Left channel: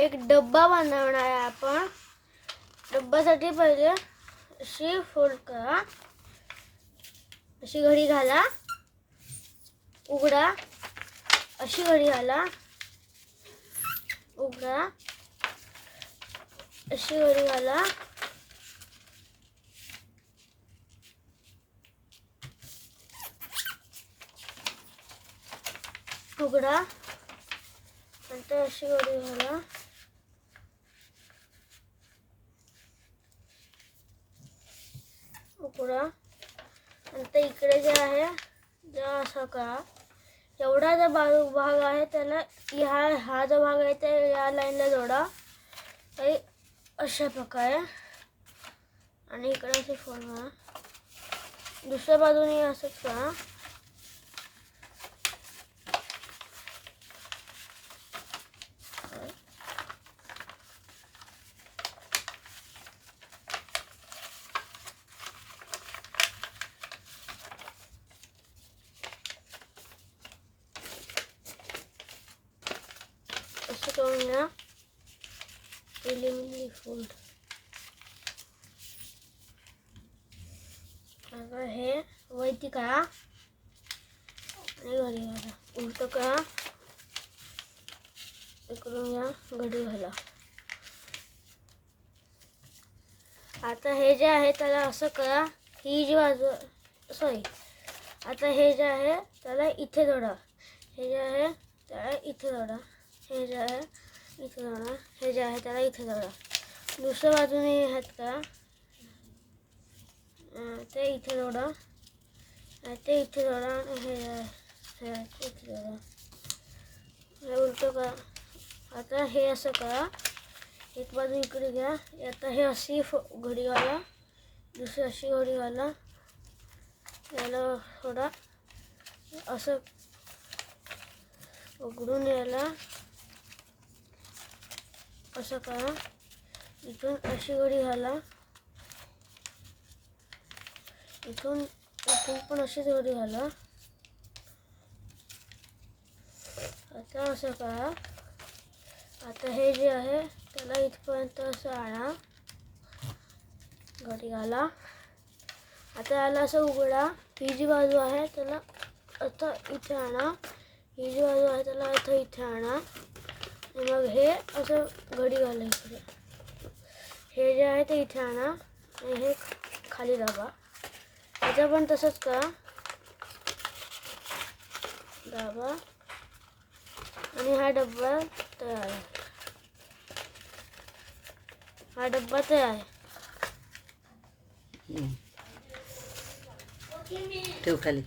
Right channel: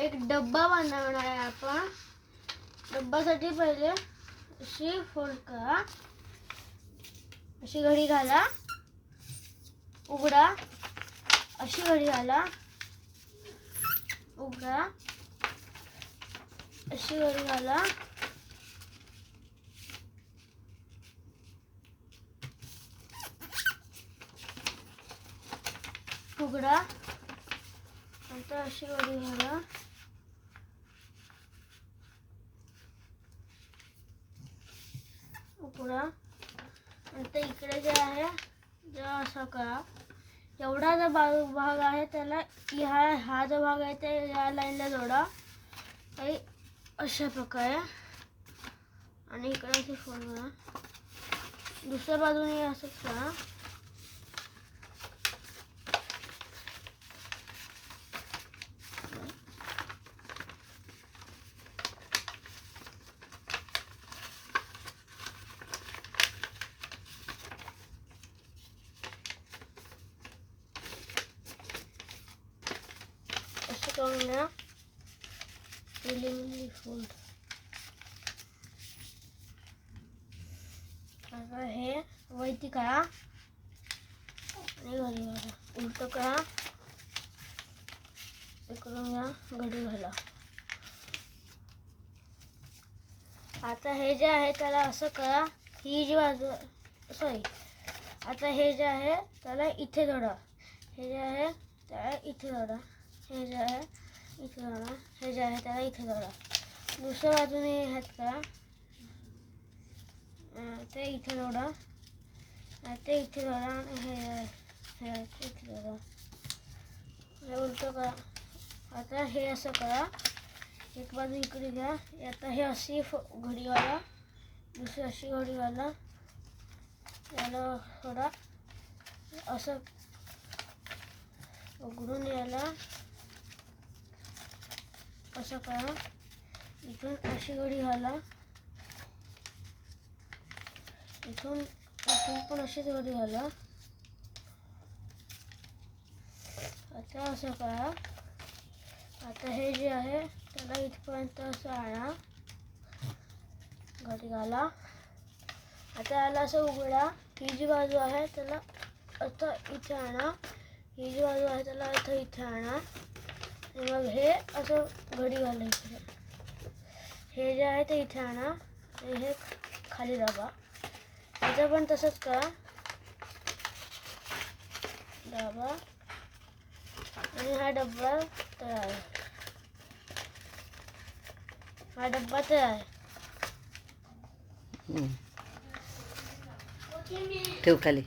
एक डब्बा बनवणार आहे आपण. डब्बासाठी पहिले अशी फोल्ड करा. अशी घडी घाला. उघडा. अशी घडी घाला. उघडा. अशी घडी घाला. उघडा. नंतर अशी घडी घाला. पुढं. आणि ते इकडे जे आहे जे असं करा एवढा जो बाजू भाग आहे त्याला ह्या हा जो भाग आहे ते या लाईनला जोडा. काही अशा प्रकारे. आणि इकडे असे फोन करा दुसऱ्या बाजूने असंच करा असं करून घ्या आता हे वैती करा उलट करा इकडून घ्या घडी घाला आता हे जे आहे त्याला असं करा ही जी बाजू सॉरी आता हे जे आहे त्याला इथे जोडा हे जे आहे त्याला इथे जोडा हे जे हे का ते जोडा जोडा जोडा आता हे करा एक बाजू इकडे घ्या आता हे अशी फ- घडी घाला दुसरी अशी घडी घाला याला थोडा असं यायला असं करा. इथून अशी घडी घाला. इथून इथून पण अशीच घडी घाला. आता असं करा. आता हे जे आहे त्याला इथपर्यंत असं आणा. घडी घाला. आता याला असं उघडा. ही जी बाजू आहे त्याला आता इथे आणा. ही जी बाजू आहे त्याला आता इथे आणा. मग हे असं घडी घाला इकडे हे जे आहे ते इथे आणा. आणि हे खाली दाबा. आता पण तसंच करा. दाबा. आणि हा डब्बा तयार आहे. हा डब्बा तयार आहे. ठेव खाली.